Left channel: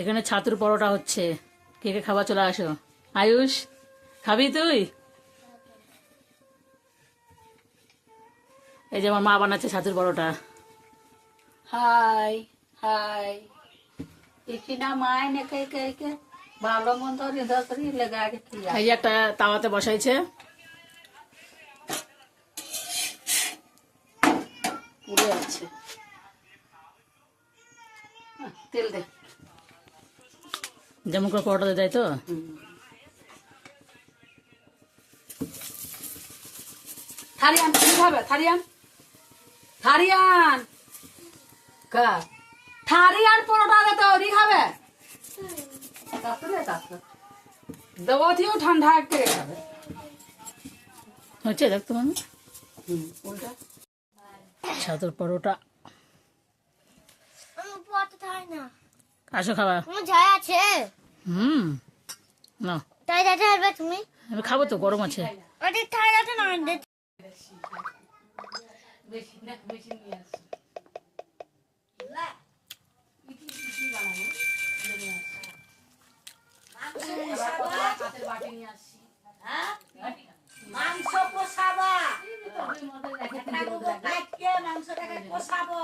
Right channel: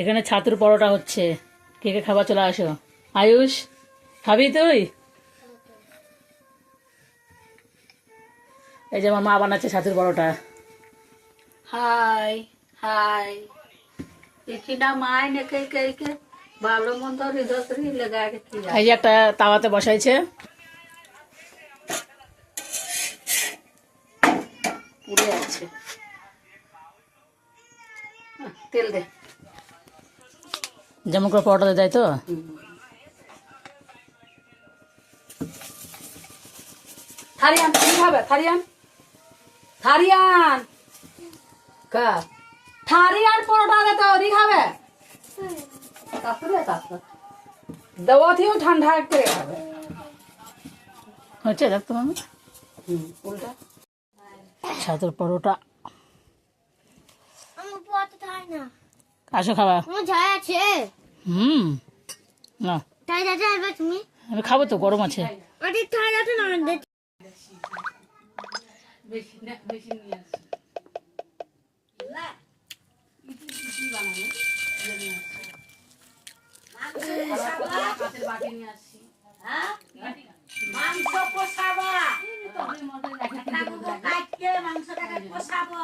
এখানে ছাতুর পরোটা হচ্ছে, কে কে খাবার চলে আসো। আয়ুষ খাবি তুই? এই যে আমার মা বানাচ্ছে ছাতুর পরোটা। হাই হাই ইকিনা মায় নেকে কে কে ভালো মন্দ হৃদয় লেগে রেখে এই যে একটা তাওয়াতে বসাইছে, পুড়ে আছে। তেল দে। যেমন করে পরোটা দেয় তো। থারিয়ান তুমি খাবে? থারিয়ান থারিয়ান কা থারিয়ান পরোটা দে তো দি খাবে। তারপরে তারপর দেওয়া থিও ঠান্ডা করে খাবে। হচ্ছে দেখতো মামি উল্টা ছাতুর পরোটা। আসো খাবা। হুম না আমি খাবো তো, গরম আছে। বেশি না বেশি নিয়ে আসো। মাংস পোষাবো, মাংসটাকে পোষাবো।